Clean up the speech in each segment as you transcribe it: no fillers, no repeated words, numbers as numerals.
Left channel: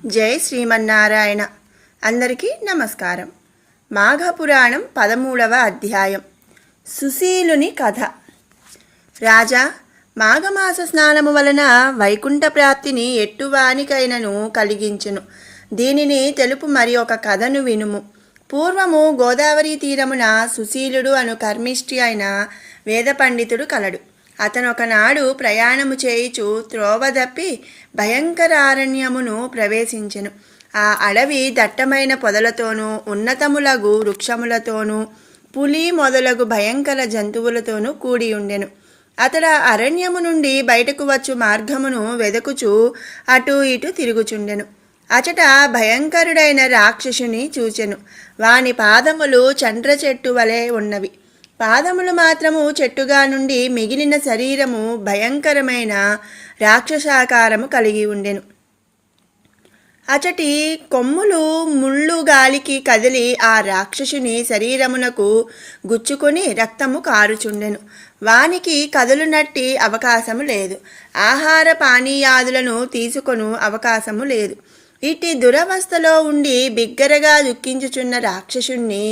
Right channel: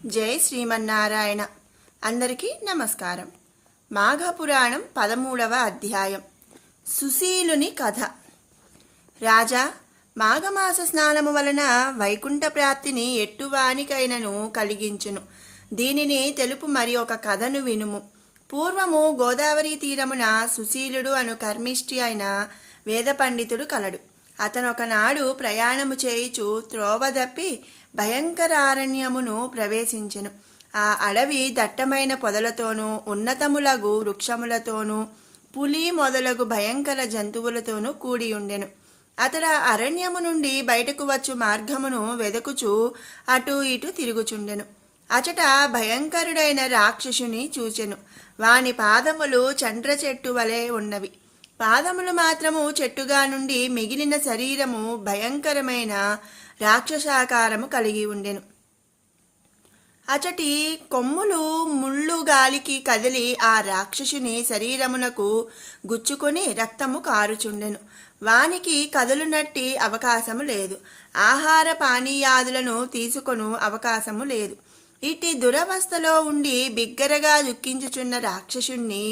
జై శ్రీమన్నారాయణ. అందరికీ నమస్కారం. మాఘపురాణం 13వ అధ్యాయం. సుశీలుని కథ. రాజా, మాఘమాస స్నానము వలన వైకుంఠ ప్రాప్తిని ఎట్టువానికైనను కలిగించును. దీనిని తెలుపు మరి ఒక కథను వినుము. పూర్వము గోదావరి తీరమున సుశీలుడు అను కర్మిష్టి అయిన వేద పండితుడు కలడు. అతనొకనాడు ప్రయాణము చేయుచు త్రోవదప్పి భయంకరారణ్యమును ప్రవేశించెను. ఆ అడవి దట్టమైన పొదలతోనూ ఉన్నతములగు వృక్షములతోనూ పులి మొదలగు భయంకర జంతువులతోనూ కూడి ఉండెను. అతడు అరణ్యము నుండి బయటకు వచ్చు మార్గమును వెదకుచూ అటు ఇటు తిరుగుచుండెను. అచట భయంకరుడైన రాక్షసుని చూచెను. వాని పాదములు చండ్ర చెట్టు వలె ఉన్నవి. పాదములు మాత్రము చెట్టుగా నుండి మిగిలిన శరీరము భయంకరమైన రాక్షసాకారము కలిగి ఉండెను. అచటి కొమ్ములు ముళ్ళు గాలికి కదిలి ఆ రాక్షసుని శరీరమునకు గుచ్చుకొని రక్తము కారుచుండెను. వానికి కదులునట్టి అవకాశము లేదు. ఆహార పానీయాదులను తీసుకొను అవకాశము లేదు. ఇట్టి దురవస్థలో ఉండి బిగ్గరగా దుఃఖించుచున్న రాక్షసుణ్ణి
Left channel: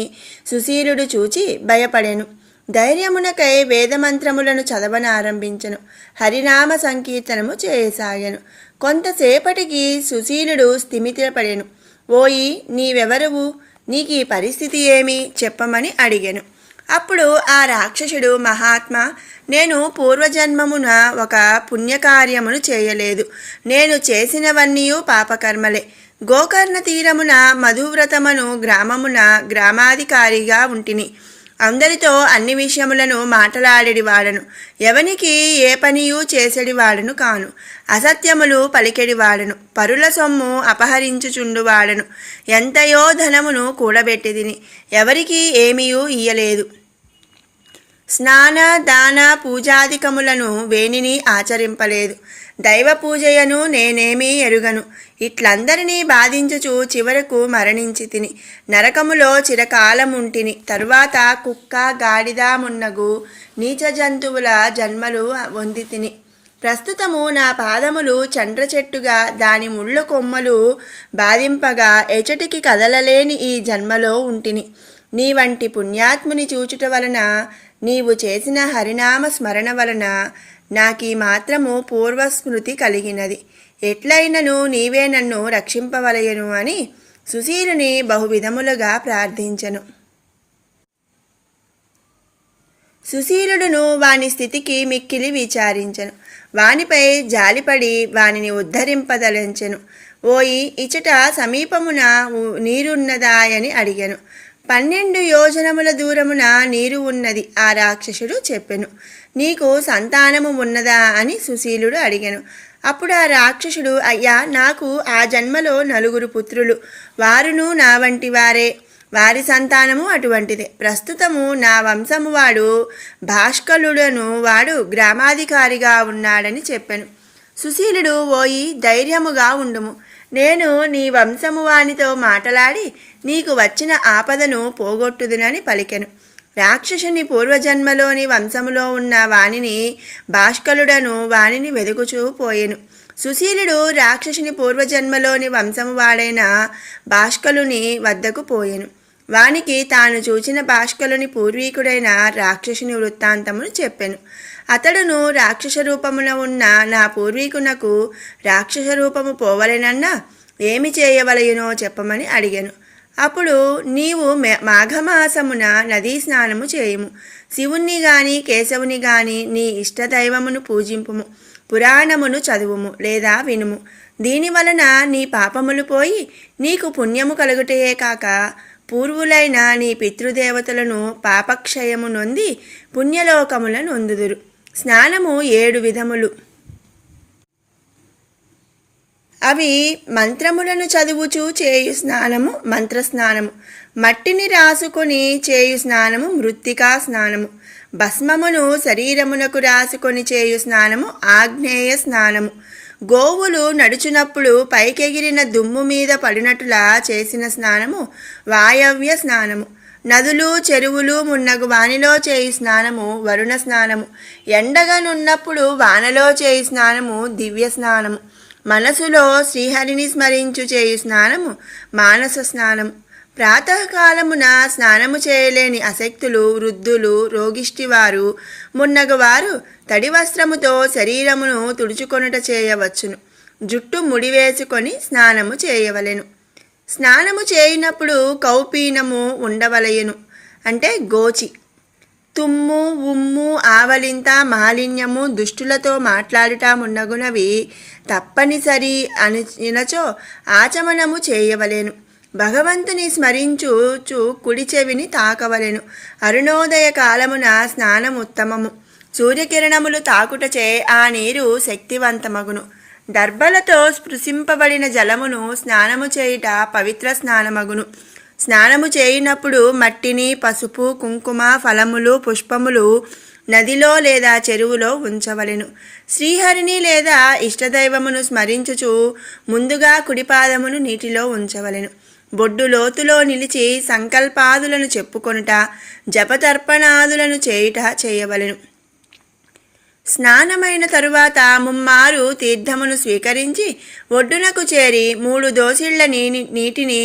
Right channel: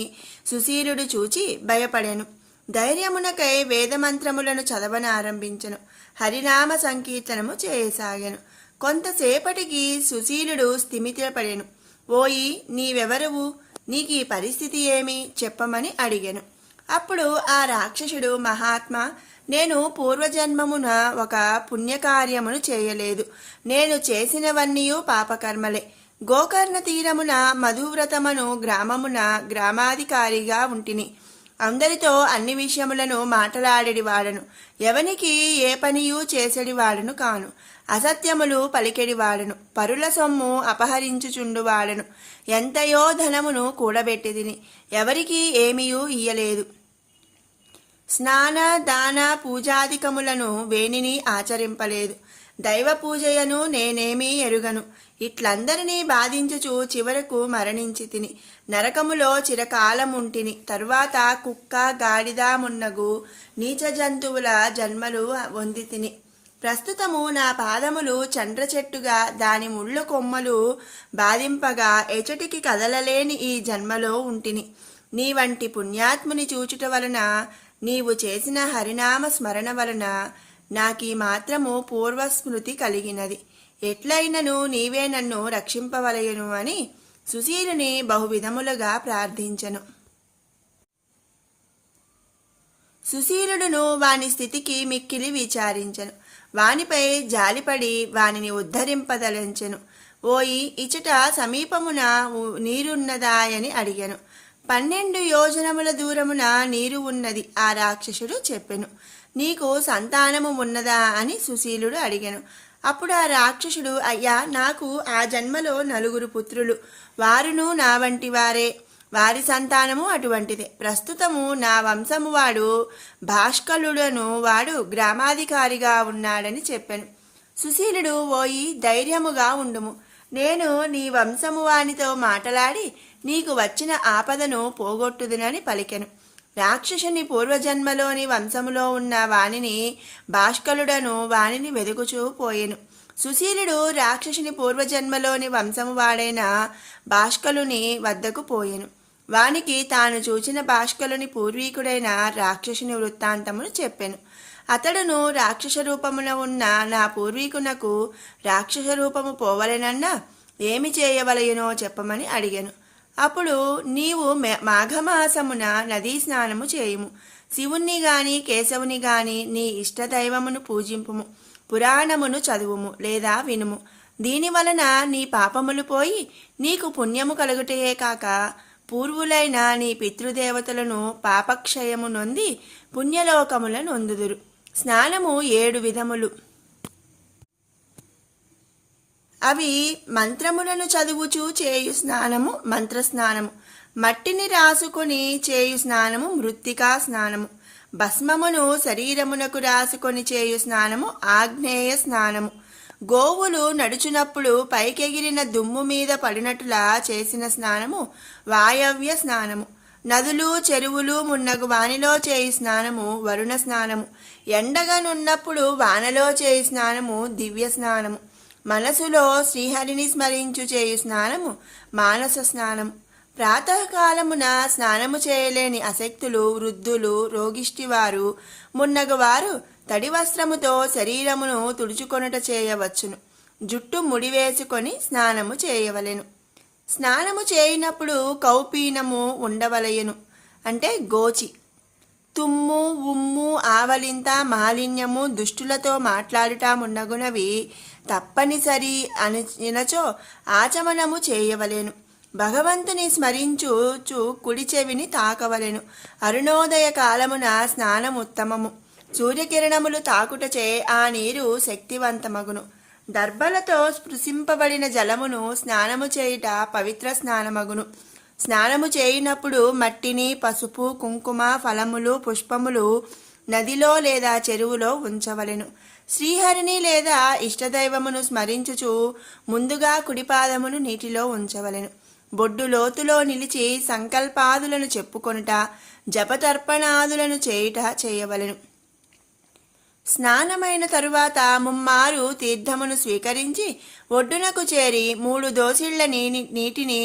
సుశీలుడు చూచి భయపడెను. ధైర్యమునకై వేదమంత్రములను చదవనారంభించెను. హరినామ సంకీర్తనము చేయసాగెను. కొంతసేపటికి సుశీలుడు స్థిమితపడెను. ఓయి, నీవెవరువు? నీకు ఈ పరిస్థితి ఏమి చెప్పమని అడిగెను. అప్పుడు ఆ రాక్షసుడు, మహాత్మా, నేను పూర్వజన్మమున ఒక పుణ్యకార్యమును చేయలేదు. నేను చేసినవన్నీ పాపకర్మలే. గోకర్ణ తీరమున మధువ్రతమను గ్రామమున గ్రామాధికారిగా ఉంటిని. అందరితో అన్ని విషయములను మాట్లాడేడివాడను. ఎవనికి ఏ పనియూ చేసేడివాడను కాను. అసత్యములు పలికెడివాడను. పరుల సొమ్ము అపహరించుచుండువాడను. ఎంతయో ధనమును కూడబెట్టిదిని. ఎవరికి ఏమీయూ ఇయ్యలేదు. స్నాన దాన పూజాధికములను వేనిని ఆచరింపలేదు. దైవ పూజయను నేనేమీ ఎరుగను. ఇట్లందరినీ బాధించుచు చివరకు మరణించి తిని. నరకములో చిరకాలముంటిని. తరువాత కుక్క, గాడిద మున్నగు నీచ జంతువుల జన్మలు పొంది తిని. ప్రస్తుతము నా పాదములు చండ్ర చెట్టుగా దాని ముళ్ళు కొమ్మలు బాధింపగా ఎచటికి కదలలేని ఈ జన్మలో ఉంటిని. నీ వంటి పుణ్యాత్ముని చూచుట వలన, నీవు చేసిన హరినామ స్మరణ వలన నాకీ మాత్రము పూర్వస్మృతి కలిగినది. ఎట్లయినను నీవే నన్ను రక్షింపవలయను అని సుశీలుని బహువిధములుగా ప్రార్థించెను. సుశీలుడును వాని స్థితికి మిక్కిలి విచారించెను. వానిపై జాలిపడి వానిని ఉద్ధరింపదలించెను. ఓయి, ఇచట సమీపమున నీరున్నదాయని అడిగెను. 12 యోజనముల దూరమున నీరు ఉన్నది ఆ రాక్షసుడు చెప్పెను. నీకు సంతానము ఉన్నదా అని సుశీలుడు అడిగెను. అప్పుడు ఆ రాక్షసుడు, అయ్యా, నాకు ఆ జన్మలో 4 పుత్రులు. వారును నా వంటి వారే. వారి సంతానము అటువంటిదే. ప్రస్తుతము నా వంశము వాడు భాష్కలుడను వాడు గ్రామాధికారిగా ఉన్నాడని చెప్పెను. సుశీలుడు, ఓయి, ధైర్యముగా ఉండుము. నేను నీ వంశము వానితో మాట్లాడి నీకు వచ్చిన ఆపదను పోగొట్టుదునని పలికెను. రాక్షసుని పూర్వజన్మలోని వంశములో ఉన్న వానిని భాష్కలుడను వానిని వెదుకుచూ పోయెను. సుశీలుడు రాక్షసుని పూర్వజన్మలోని వంశము వాడైన భాష్కలుని వద్దకు పోయెను. వానికి తాను చూచిన భాష్కలుని పూర్వీకుడైన రాక్షసుని వృత్తాంతమును చెప్పెను. అతడును, రాక్షస రూపమున ఉన్న నా పూర్వీకునకు రాక్షస రూపము పోవలెనన్నా ఏమి చేయవలయునో చెప్పమని అడిగెను. అప్పుడు, నీవు మాఘమాసమున నదీ స్నానము చేయుము. శివుణ్ణి గాని కేశవుని గాని నీ ఇష్టదైవమును పూజింపుము. పురాణమును చదువుము లేదా వినుము. దీనివలన నీ పాపములు పోయి నీకు పుణ్యము కలుగుటయే కాక పూర్వులైన నీ పితృదేవతలను పాపక్షయము నొంది పుణ్యలోకముల నొందుదురు. స్నానము 7 విధములు. అవి మంత్రములను చదువుచూ చేయు స్నానము మంత్రస్నానము, మట్టిని రాసుకొని చేయు స్నానము మృత్తికా స్నానము, భస్మమును శరీరమునకు రాసుకొని చేయు స్నానము ఆగ్నేయ స్నానము, గోవులు నడుచునప్పుడు పైకెగిరిన దుమ్ము మీద పడినట్లులా చేసిన స్నానము వాయవ్య స్నానము, నదులు చెరువులు మున్నగు వానిలో చేయి స్నానము వరుణ స్నానము, ఎండగనున్నప్పుడు వానలో చేయి స్నానము దివ్య స్నానము, మనసులో శ్రీహరిని స్మరించు చేయు స్నానము మానస స్నానము. ప్రాతకాలమున స్నానము చేయలేని అశక్తులు, వృద్ధులు, రోగిష్టివారు మున్నగువారు తడి వస్త్రముతో శరీరమును తుడుచుకొనుట చేయవచ్చును. జుట్టు ముడివేసుకొని స్నానము చేయవలెను. స్నానము చేయనప్పుడు కౌపీనము ఉండవలయను, అంటే గోచి. తుమ్ము, ఉమ్ము, ఆవలింత, మాలిన్యము, దుష్టులతో మాట్లాడుట మున్నగునవి తప్పనిసరి అనినచో ఆచమనము చేయవలెను. భగవంతుని స్మరించుచు కుడి చెవిని తాకవలెను. అరుణోదయ కాలమున స్నానం ఉత్తమము. సూర్యకిరణములు తాకుటచే ఆ నీరు శక్తివంతమగును. దర్భలతో స్పృశింపబడిన జలమును స్నానము చేయుట పవిత్ర స్నానమగును. స్నానము చేయునప్పుడు మట్టిని, పసుపు, కుంకుమ, ఫలములు, పుష్పములు నదిలో లేదా చెరువులో ఉంచవలెను. శ్రీహరిని లేదా ఇష్టదైవమును స్మరించుచు ముందుగా కుడిపాదమును నీటిలో ఉంచవలెను. బొడ్డు లోతులో నిలిచి సంకల్పాదులను చెప్పుకొనుట, జపతర్పణాదులను చేయుట చేయవలెను. స్నానమైన తరువాత ముమ్మారు తీర్థమును స్వీకరించి ఒడ్డునకు చేరి 3 దోసిళ్ల నీటిని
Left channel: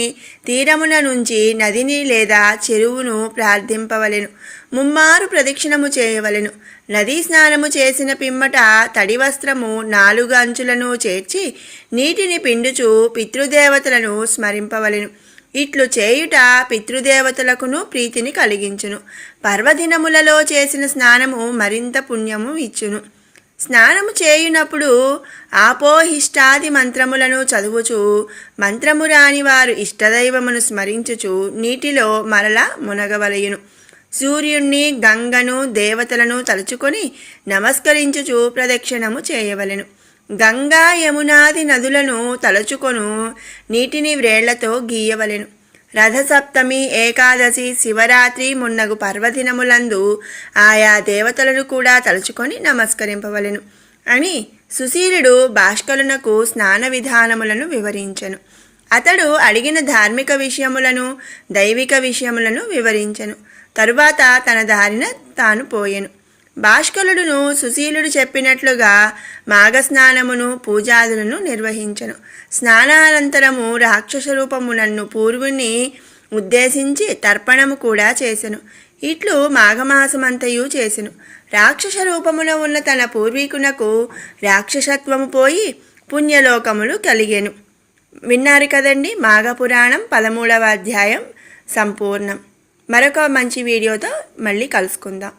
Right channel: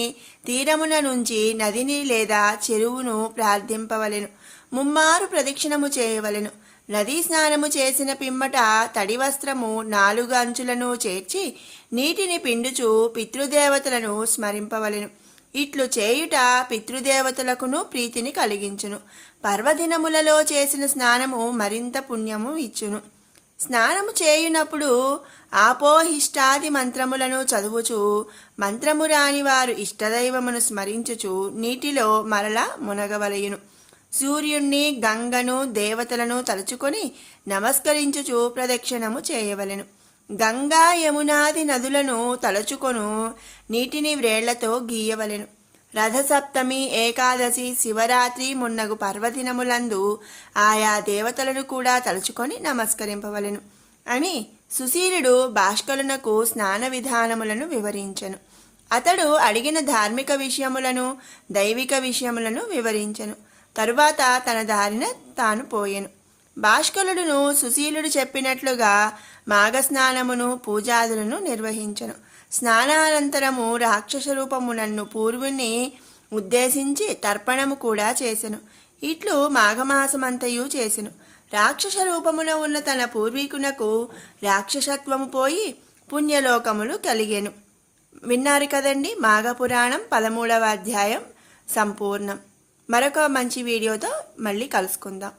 తీరమున నుంచి నదిని లేదా చెరువును ప్రార్థింపవలెను. ముమ్మారు ప్రదక్షిణము చేయవలెను. నదీ స్నానము చేసిన పిమ్మట తడి వస్త్రము 4 అంచులను చేర్చి నీటిని పిండుచు పితృదేవతలను స్మరింపవలెను. ఇట్లు చేయుట పితృదేవతలకును ప్రీతిని కలిగించును. పర్వదినములలో చేసిన స్నానము మరింత పుణ్యము ఇచ్చును. స్నానము చేయునప్పుడు ఆపోహిష్టాది మంత్రములను చదువుచు, మంత్రము రాని వారు ఇష్టదైవమును స్మరించుచు నీటిలో మరల మునగవలయును. సూర్యుణ్ణి, గంగను, దేవతలను తలుచుకొని నమస్కరించుచు ప్రదక్షిణము చేయవలెను. గంగా, యమునాది నదులను తలుచుకొను నీటిని వ్రేళ్లతో గీయవలెను. రథసప్తమి, ఏకాదశి, శివరాత్రి మున్నగు పర్వదినములందు ఆయా దేవతలను కూడా తలుచుకొని నమస్కరింపవలెను అని సుశీలుడు భాష్కరునకు స్నాన విధానములను వివరించెను. అతడు అడిగిన ధార్మిక విషయములను, దైవిక విషయములను వివరించెను. తరువాత తన దారిన తాను పోయెను. భాష్కరుడును సుశీలుడు చెప్పినట్లుగా మాఘస్నానమును, పూజాదులను నిర్వహించెను. స్నానానంతరము రాక్షస రూపమునన్ను పూర్వుని ఉద్దేశించి తర్పణము కూడా చేసెను. ఇట్లు మాఘమాసమంతయు చేసెను. రాక్షస రూపములో ఉన్న తన పూర్వీకునకు రాక్షసత్వము పోయి పుణ్యలోకములు కలిగెను. విన్నారు కదండి, మాఘపురాణం 13వ అధ్యాయం సంపూర్ణం. మరొక మంచి వీడియోతో మళ్ళీ కలుసుకుందాం.